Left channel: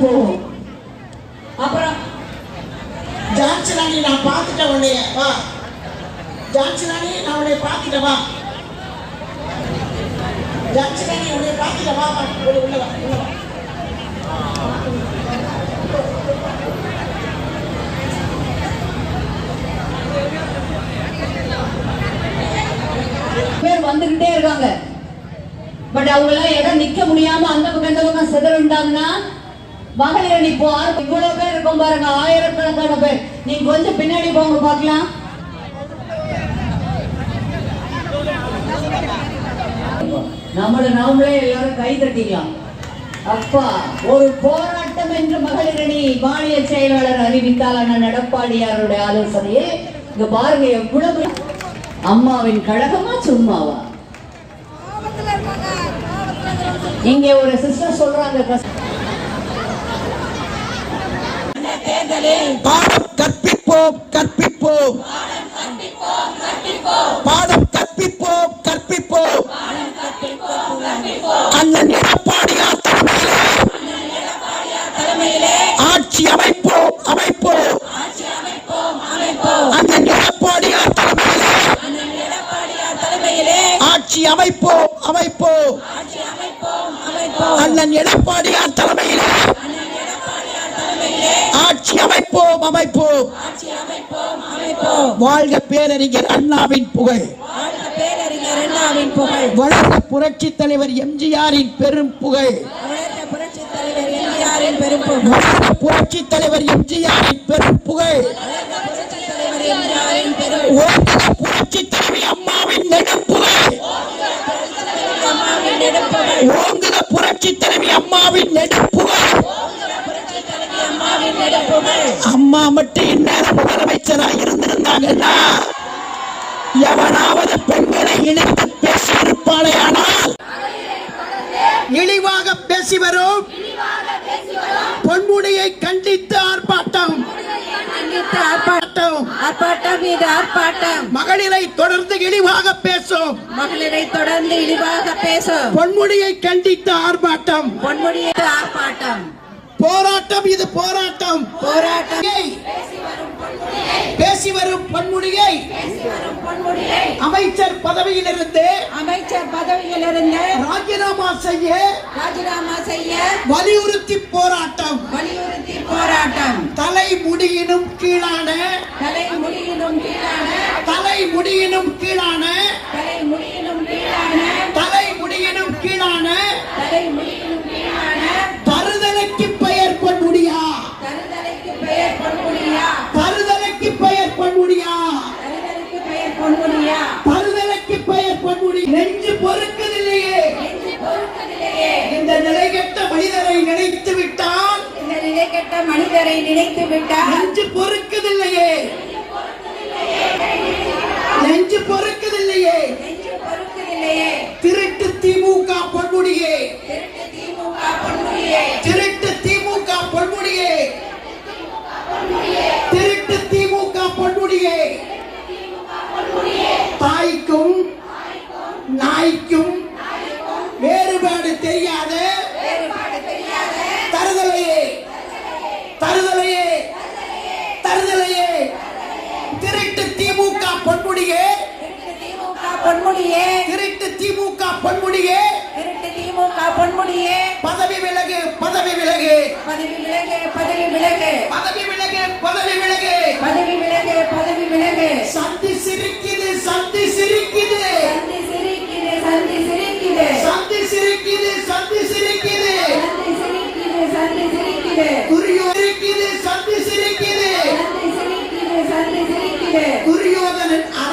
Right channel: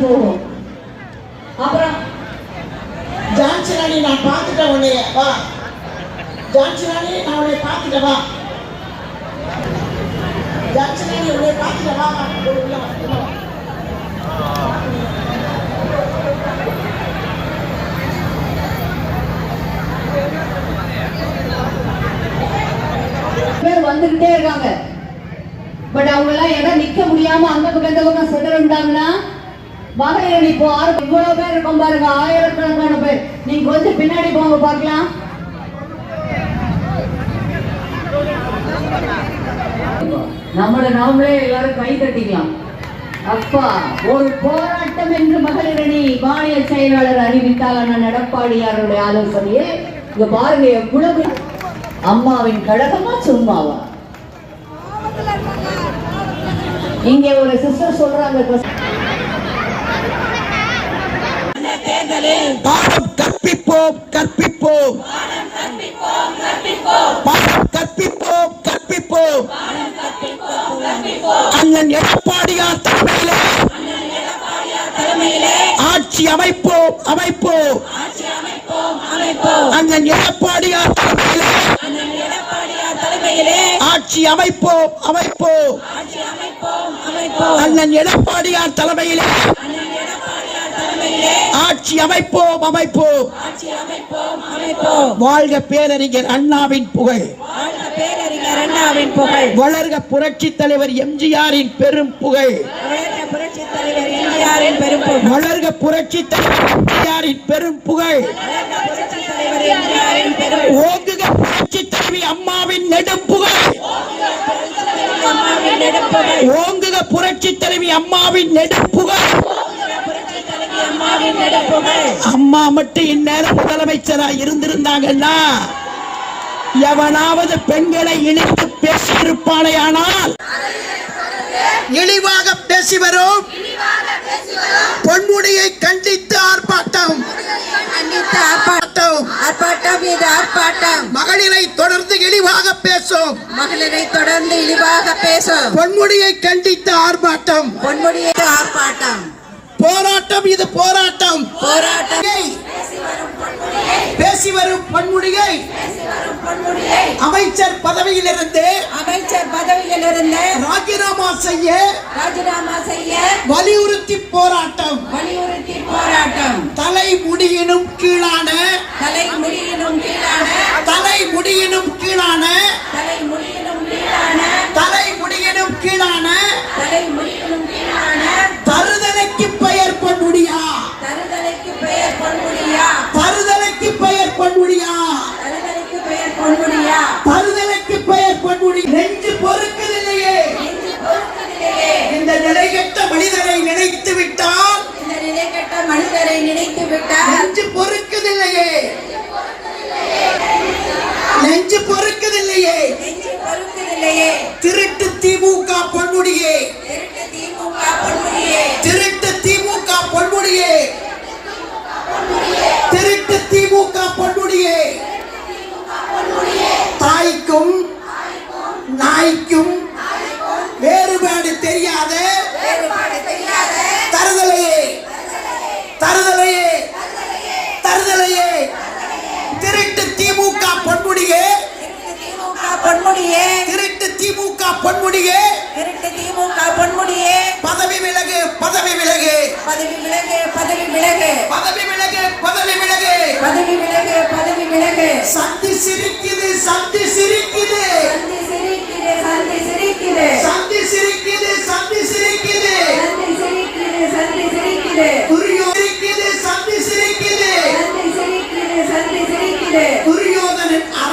போகும். அப்புறம் ஜான்சி ராணி நான் பார்த்துட்டேன் உன்னைய. வா. ஜான்சி ராணி நான் உன்னை பார்த்துட்டேன் வா. ஜான்சி உன்னை பார்த்துட்டேன் வா உள்ள வா பேர் வந்துகிட்டே இருக்காங்க. பட் அவங்க எல்லாம் இடம் நிக்க முடியாம அந்த பக்கம் இந்த பக்கம் சிதறண்டாங்கன்னா மகளிர் இப்போ ஆறு இவ்வளவு பேர் இருக்கும் பாருங்க. ஆயிரக்கணக்கான பேர். நீங்க கொஞ்சம் பின்னாடி போங்க பார்க்கலாம். நம்மள நாமளே எல்லாரும் கை தட்டிக்கலாம். அப்பா ஒரு போராட்டம் என்று மகளிரணி மாநில செயலாளர் அறிவித்தால் நடப்பாடியாருடைய ஆலோசனையே. இங்க பாருங்க எவ்வளவு அம்மாவின் கழகமா சும்மாவா? இங்க ஒரு சிஸ்டர் சொல்றாங்க பாடம் கற்பிப்போம் கற்பிப்போம். பாடம் கற்பிப்போம் கற்பிப்போம். அண்ணன் எடப்பாடியார் தலைமையிலே. ஆட்சி அமைப்போம் அமைப்போம். அண்ணன் எடப்பாடியார் தலைமையிலே. ஆட்சி அமைப்போம் அமைப்போம். அண்ணன் எடப்பாடியார் தலைமையிலே. அமைப்போம் அமைப்போம். வாழ்க பேரறிஞர் அண்ணாவின் புகழ். அண்ணாவின் வளர்ந்த புரட்சி தலைவர் எம்ஜிஆரின் பெரும் புகழ். வளர்ந்த புரட்சி தலைவர் எம்ஜிஆரின் பெரும் புகழ். புரட்சி பெரும் புகழ் புரட்சி தலைவி அம்மாவின் நெடுப்புகழ் அம்மாவின் ஓங்குக புரட்சி தலைவி அம்மாவின் நெடுப்புகழ் அம்மாவின் நெடுப்புகழ் அம்மா மட்டும் இந்நேரம் முதலமைச்சரா இருந்திருந்தாங்கன்னா எவனாவது பெண்களை இணைத்து பேசியிருப்பானே ஆனால் இழிவாக பேசி வரும். பொன்முடியை கண்டித்து ஆர்ப்பாட்டம். கண்டித்து ஆர்ப்பாட்டம். ஆர்ப்பாட்டம். இது ஆர்ப்பாட்டம் மகளிரை தொடர்ந்து இழிவாக பேசும். மகளிரை தொடர்ந்து இழிவாக பேசும் பொன்முடியை கண்டித்து ஆர்ப்பாட்டம் பொன்முடியை ஆர்ப்பாட்டம். போராட்டம் இது போராட்டம். போராட்டம். பேசி வரும் பொன்முடியை. அமைச்சர் பதவியிலிருந்து அமைச்சர் பதவியிலிருந்து ராஜினாமா செய்ய ராஜினாமா செய்ய வலியுறுத்தி போராட்டம். வலியுறுத்தி போராட்டம். தலை முடியினும் கீழான தலை முடியினும் கீழான தலை முடியினும் கீழான ಬಿಟ್ಟ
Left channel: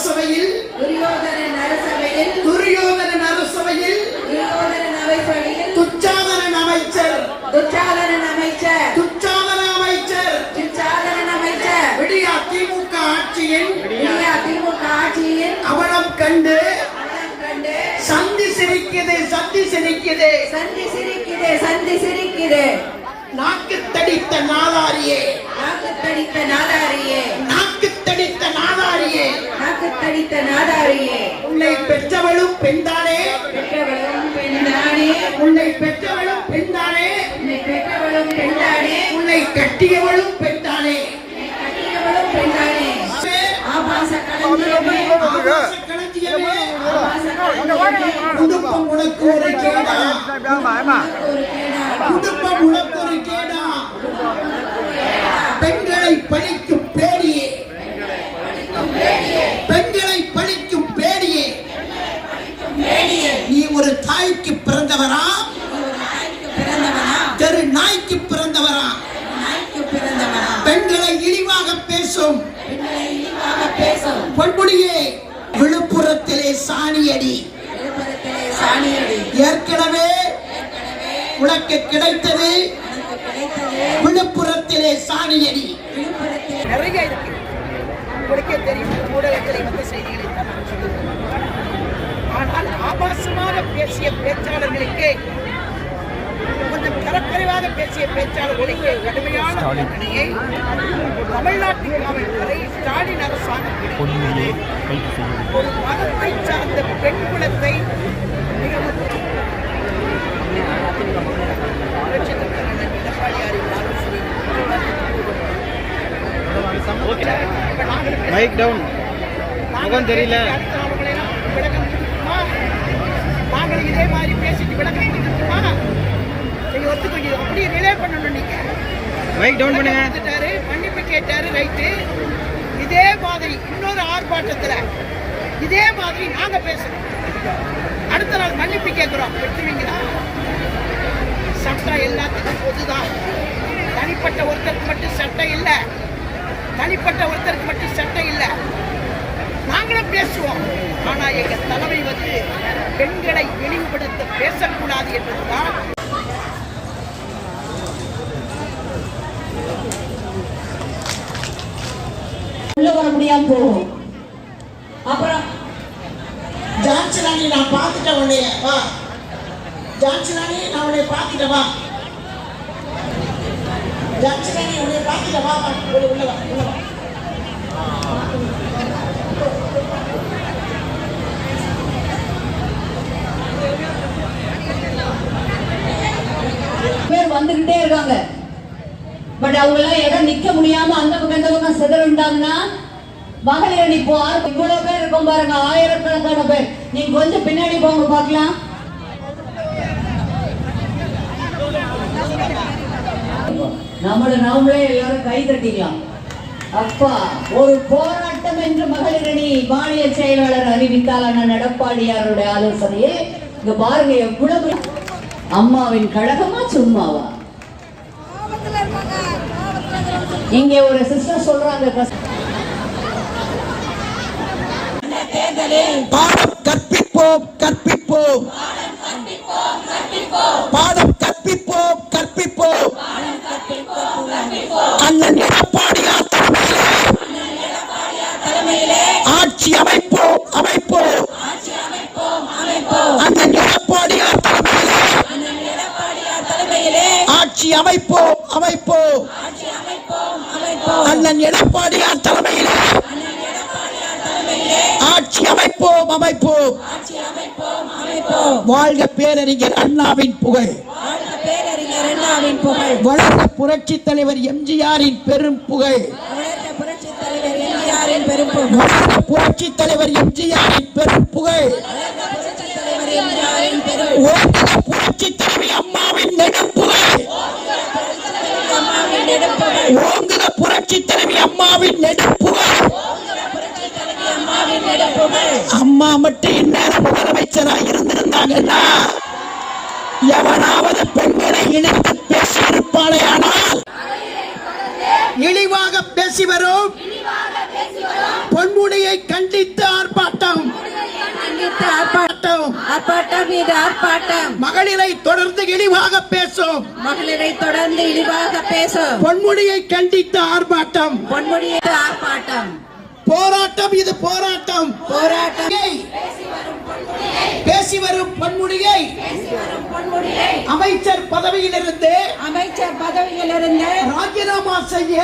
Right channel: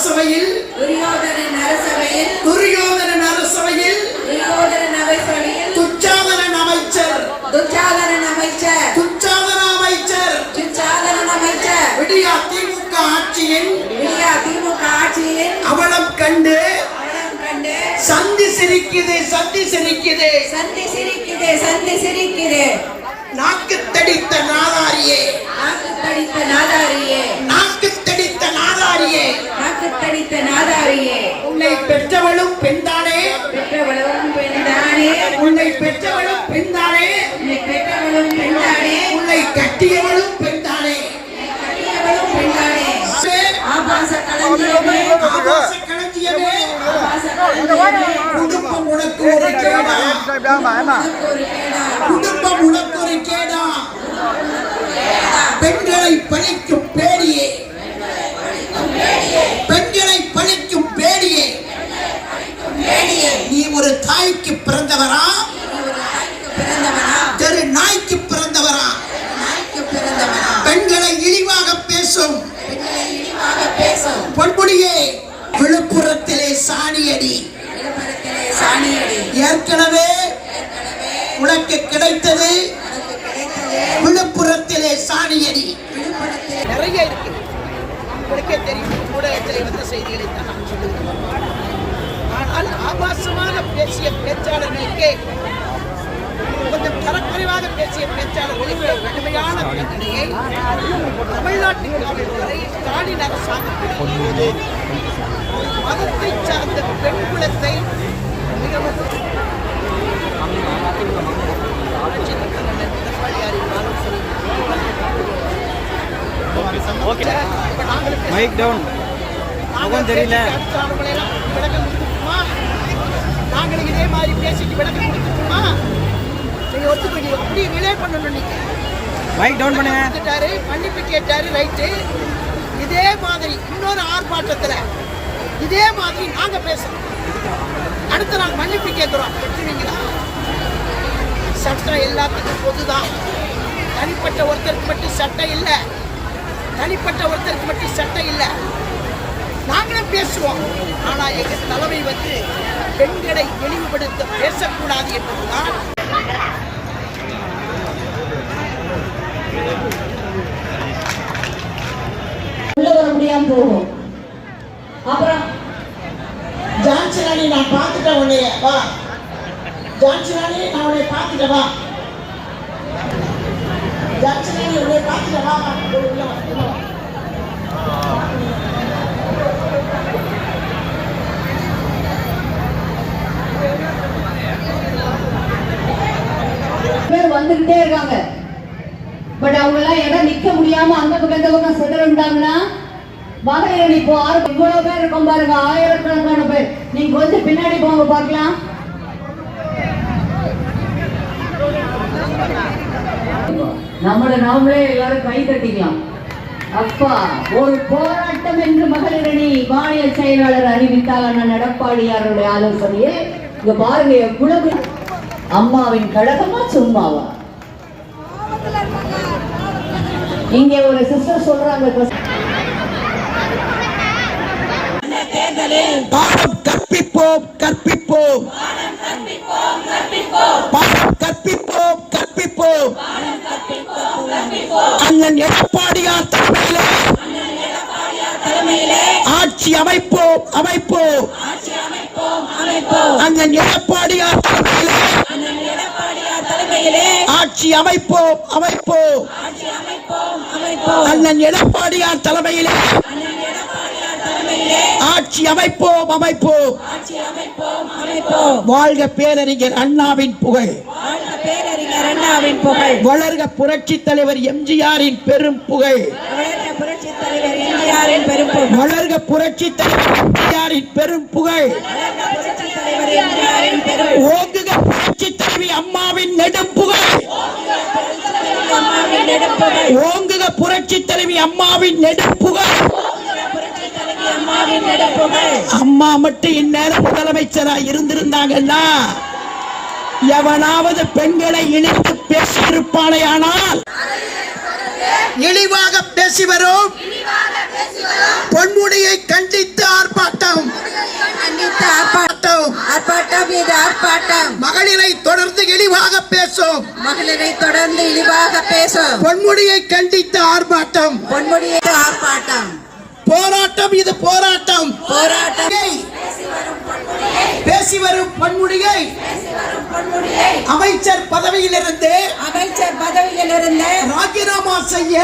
அரசவையில் துரியோதனன் அரசவையில் துரியோதனன் அரசவையில் துரியோதனன் அரசவையில் துச்சாதனன் அமைச்சர். துச்சாதனன் அமைச்சர் துச்சாதன அமைச்சர். துச்சாதனன் அமைச்சர் விடியா திமுக ஆட்சியின் விடியா திமுக ஆட்சியில் அவலம் கண்டு சந்தி சிரிக்குது சந்தி சிரிக்குது. சந்தி சிரிக்குது சந்தி சிரிக்குது நாக்கு தடித்த நாதாரியே நாக்கு தடித்த நாதாரியே நாக்கு தடித்த நாதாரியே நாக்கு தடித்த நாதாரியே உன்னை பெற்றவளும் பெண்தானே? பெற்றவளும் பெண்தானே? உன்னை பெற்றவளும் பெண்தானே? உன்னை பெற்றவளும் பெண்தானே? கட்டியவளும் பெண்தானே? கட்டியவளும் பெண்ணானே ஆபாச களஞ்சியமே. ஆபாச களஞ்சியமே. குடும்பம் உனக்கு ஒரு கேடா. உனக்கு ஒரு கேடா. குடும்பம் உனக்கு ஒரு கேடா. பெண்களை பழிக்கும் பேடியே பெண்களை பழிக்கும் பேடியே மேடியே நீ ஒரு தாய்க்கு பிறந்தவரா? தெரு நாய்க்கு பிறந்தவரா? பெண்களை இழிவாக பேசும். பேசும் பொன்முடியே விழுப்புரத்திலே சாணியடி. சாணியடி ஏற்கனவே உனக்கு கிடைத்தது விழுப்புரத்திலே சாணியடி. நிறைய இருக்கு. உங்களுக்கே தெரியும். ஊடகத்தில் வந்து செய்திகளை தான் நான் ஆனால் ஆபாசமாக பேசிய பேச்சாளர்களுக்கே கொஞ்சம் தரக்குறைவாக பேசிய பேச்சாளர்களுக்கே கடுமையான தண்டனையை தமிழ்நாட்டு காவல்துறை ஸ்டாலின் அரசாங்கம் ஒரு மதத்தை சார்ந்த பெண் குலத்தை மிகவும் மைக் டவுன் முகம் தெரியல. பேசிட்டு அடுத்த ஆளுங்களையெல்லாம் விளக்கம் கொடுத்துட்டுமா? நாங்களும் இதே மாதிரி பேசிட்டு விளக்கம் கொடுத்துட்டுமா? நீங்க ஒத்துக்கிறீங்க. அப்படி ரிலே பண்ணணும் நீங்க. மைக் டவுன் விளக்கம் பண்ணுங்க. கொடுத்துட்டாரு மன்னிப்பு கேட்டாரு ரைட்டு இதே மாதிரி இன்னொரு ஆர்ப்பாட்டத்துல இதே மாதிரி நாங்க பேசுறோம் அடுத்த நாள் மன்னிப்பு கேட்கிறோம் வெட்டுவீங்களா சட்டம் எல்லாத்துக்கும் பொதுதான். தனிப்பட்ட ஒருத்தருக்கு மட்டும் சட்டம் இல்லை. தனிப்பட்ட ஒருத்தருக்கு மட்டும் சட்டம் இல்லை. நாங்களும் பேசுவோம். ஆனா எங்க தலைமை வந்து பெண்களை இழிவுபடுத்த பேசக்கூடாது என்பதுதான். போகும். அப்புறம் ஜான்சினாலி நான் பார்த்துட்டேன் உன்னைய. வா. ஜான்சி நான் உன்னை பார்த்துட்டேன் வா. ஜான்சி உன்னை பார்த்துட்டேன் வா. வா உள்ள உள்ள வா உள்ள வா பேர் வந்துகிட்டே இருக்காங்க. பட் அவங்க எல்லாம் இடம் நிக்க முடியாம அந்த பக்கம் இந்த பக்கம் மகளிர் இப்போ ஆறு இவ்வளவு பேர் இருக்கும் பாருங்க ஆயிரக்கணக்கான பேர். நீங்க கொஞ்சம் பின்னாடி போங்க பார்க்கலாம். நம்மள நாமளே எல்லாரும் கை தட்டிக்கலாம். அப்பா ஒரு போராட்டம் என்று மகளிரணி மாநில செயலாளர் அறிவித்தால் அண்ணன் எடப்பாடியாருடைய ஆலோசனையே இங்க பாருங்க எவ்வளவு அம்மாவின் கழகமா சும்மாவா? இங்க ஒரு சிஸ்டர் சொல்றாங்க பாடம் கற்பிப்போம் கற்பிப்போம். பாடம் கற்பிப்போம் கற்பிப்போம். அண்ணன் எடப்பாடியார் வாழ்க பேரறிஞர் அண்ணாவின் புகழ். பேரறிஞர் அண்ணாவின் புகழ். வளர்ந்த புரட்சி தலைவர் எம்ஜிஆரின் பெரும் புகழ். வளர்ந்த புரட்சி தலைவர் எம்ஜிஆரின் பெரும் புகழ். புரட்சி தலைவி அம்மாவின் நெடுப்புகழ் ஓங்குக புரட்சி தலைவி அம்மாவின் நெடுப்புகழ் அம்மா மட்டும் இந்நேரம் முதலமைச்சரா இருந்திருந்தாங்கன்னா எவனாவது பெண்களை இணைத்து பேசியிருப்பானே ஆனால் இழிவாக பேசி வரும். பொன்முடியை கண்டித்து ஆர்ப்பாட்டம் ஆர்ப்பாட்டம். ஆர்ப்பாட்டம் இது ஆர்ப்பாட்டம். மகளிரை தொடர்ந்து இழிவாக பேசும். மகளிரை தொடர்ந்து இழிவாக பேசும். பொன்முடியை கண்டித்து ஆர்ப்பாட்டம். பொன்முடிய ஆர்ப்பாட்டம். போராட்டம் இது போராட்டம். போராட்டம். பேசி வரும் பொன்முடியை. அமைச்சர் பதவியிலிருந்து அமைச்சர் பதவியிலிருந்து ராஜினாமா செய்ய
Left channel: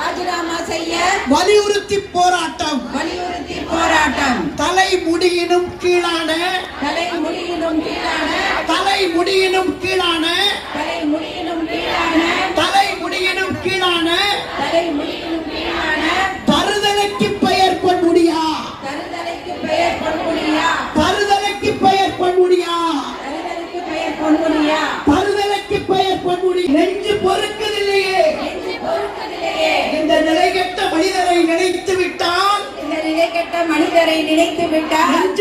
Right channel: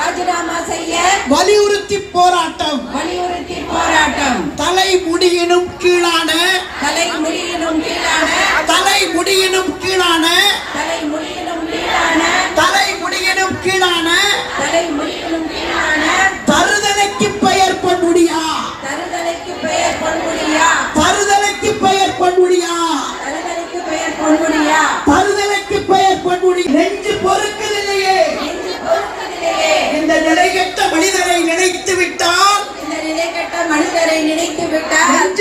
ராஜினாமா செய்ய வலியுறுத்தி போராட்டம். வலியுறுத்தி போராட்டம். தலை முடியினும் கீழான தலை முடியினும் கீழான தலை முடியினும் கீழான Evento, é verdade.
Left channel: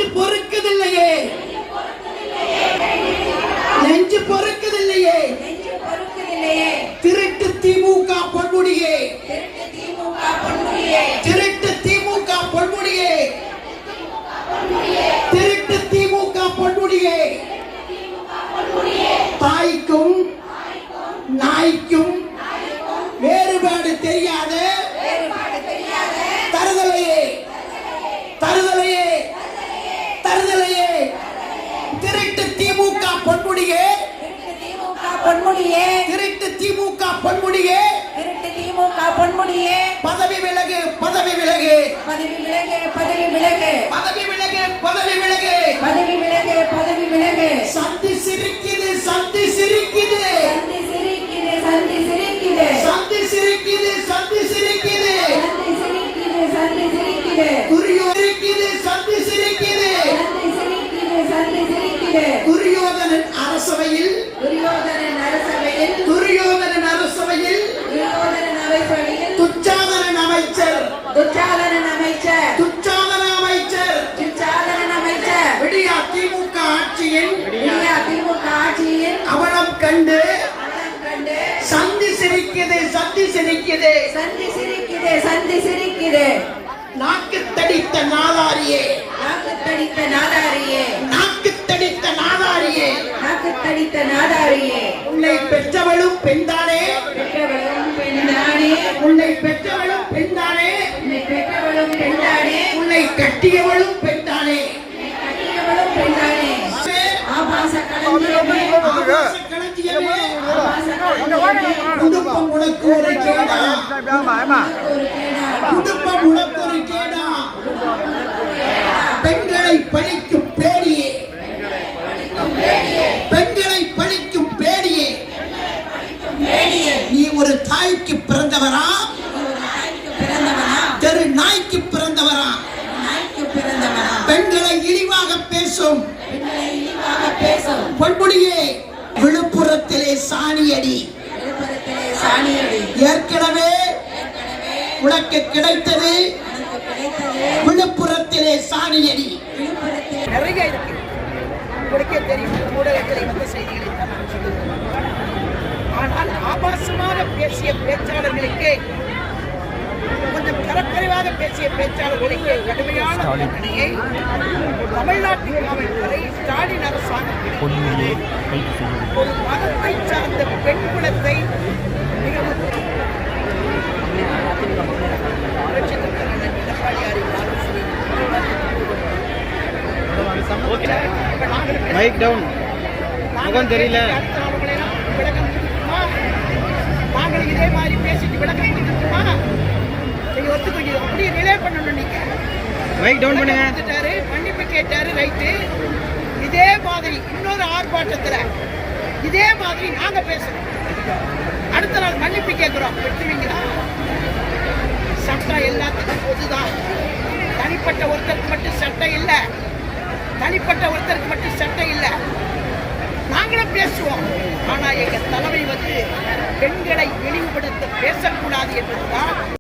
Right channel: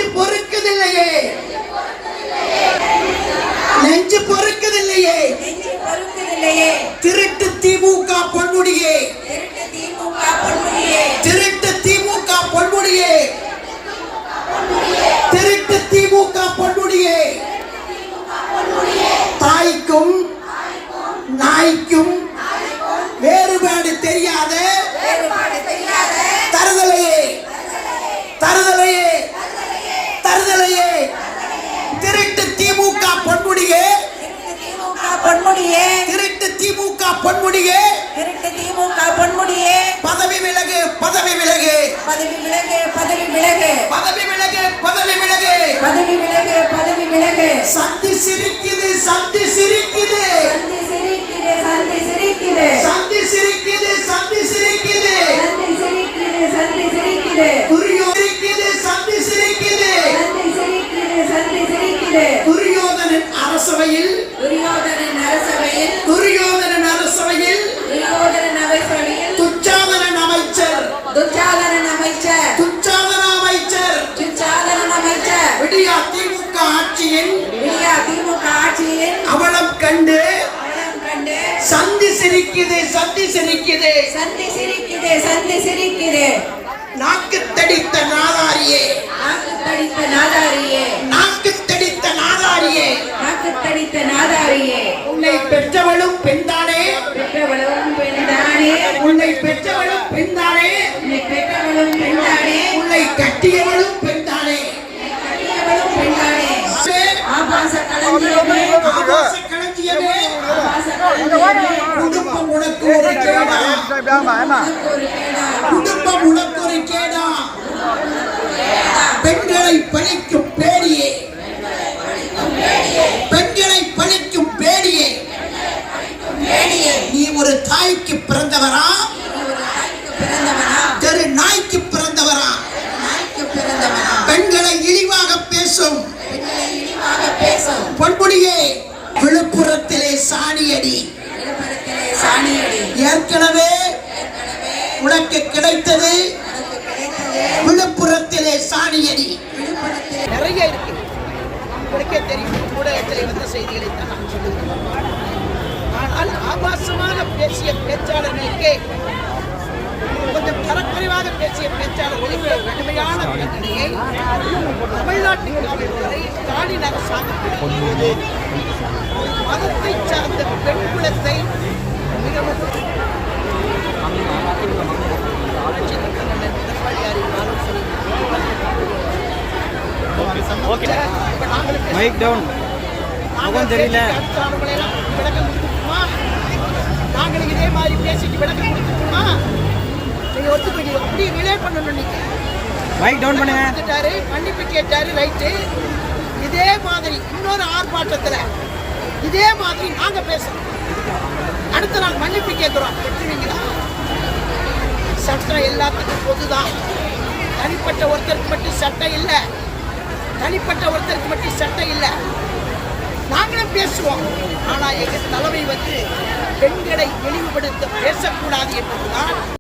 பொன்முடியே. திருட்டு திமுக பொன்முடியே. திருட்டு திமுக பொன்முடியே. பதவி விலகு பதவி விலகு. பதவி விலகு பதவி விலகு. பதவி விலகு பதவி விலகு. பதவி விலகு பதவி விலகு. சந்தி சிரிக்குது சந்தி சிரிக்குது. சந்தி சிரிக்குது சந்தி சிரிக்குது. சந்தி சிரிக்குது சந்தி சிரிக்குது. சந்தி சிரிக்குது சந்தி சிரிக்குது. துரியோ சிரிக்குது சந்தி சிரிக்குது. சந்தி சிரிக்குது சந்தி சிரிக்குது. துரியோதனன் அரசவையில் துரியோதனன் அரசவையில் துரியோதனன் அரசவையில் துரியோதனன் அரசவையில் துச்சாதனன் அமைச்சர். துச்சாதனன் அமைச்சர் துச்சாதன அமைச்சர். துச்சாதனன் அமைச்சர். விடியா திமுக ஆட்சியின் விடியா திமுக ஆட்சியில் அவலம் கண்டு சந்தி சிரிக்குது சந்தி சிரிக்குது. சந்தி சிரிக்குது சந்தி சிரிக்குது. நாக்கு தடித்த நாதாரியே. நாக்கு தடித்த நாதாரியே நாக்கு தடித்த நாதாரியே நாக்கு தடித்த நாதாரியே உன்னை பெற்றவளும் பெண்தானே? பெற்றவளும் பெண்தானே? உன்னை பெற்றவளும் பெண்தானே? உன்னை பெற்றவளும் பெண்தானே? உன்னை கட்டியவளும் பெண்தானே? கட்டியவளும் பெண்தானே? ஆபாச களஞ்சியமே. ஆபாச களஞ்சியமே. ஆபாச களஞ்சியமே. குடும்பம் உனக்கு ஒரு கேடா. ஒரு கேடா. குடும்பம் உனக்கு ஒரு கேடா. பெண்களை பழிக்கும் பேடியே பெண்களை பழிக்கும் பேடியே மேடியே நீ ஒரு தாய்க்கு பிறந்தவரா? தெரு நாய்க்கு பிறந்தவரா? பெண்களை இழிவாக பேசும். பொன்முடியே விழுப்புரத்திலே சாணியடி. சாணியடி ஏற்கனவே உனக்கு கிடைத்தது விழுப்புரத்திலே சாணியடி. நிறைய இருக்கு. உங்களுக்கே தெரியும். ஊடகத்தில் வந்த செய்திகளை தான் நான் சொல்லுகிறேன் ஆனால் ஆபாசமாக பேசிய பேச்சாளர்களுக்கே கொஞ்சம் தரக்குறைவாக பேசிய பேச்சாளர்களுக்கே கடுமையான தண்டனையை தமிழ்நாட்டு காவல்துறை ஸ்டாலின் அரசாங்கம் கொடுக்கும்போது ஒரு மதத்தை சார்ந்த பெண் குலத்தை மிகவும் நாங்களும் பேச- மைக் டவுன் நாங்கள் முகம் தெரியல. பேசிட்டு அடுத்த ஆளுங்களையெல்லாம் விளக்கம் கொடுத்துட்டுமா நாங்கள் இதே மாதிரி பேசிட்டு விளக்கம் கொடுத்துட்டுமா? நீங்க ஒத்துக்கிறீங்க. அப்படியே ரிலே பண்ணணும் நீங்க. மைக் டவுன் விளக்கம் பண்ணுங்க. கொடுத்துட்டாரு மன்னிப்பு கேட்டாரு ரைட்டு இதே மாதிரி இன்னொரு ஆர்ப்பாட்டத்துல இதே மாதிரி நாங்க பேசுறோம். அடுத்த நாள் மன்னிப்பு கேட்கிறோம் வெட்டுவீங்களா சட்டம் எல்லாத்துக்கும் பொதுதான். தனிப்பட்ட ஒருத்தருக்கு மட்டும் சட்டம் இல்லை. தனிப்பட்ட ஒருத்தருக்கு மட்டும் சட்டம் இல்லை. நாங்களும் பேசுவோம். ஆனால் எங்கள் தலைமை வந்து பெண்களை இழிவுபடுத்த பேசக்கூடாது என்பதுதான்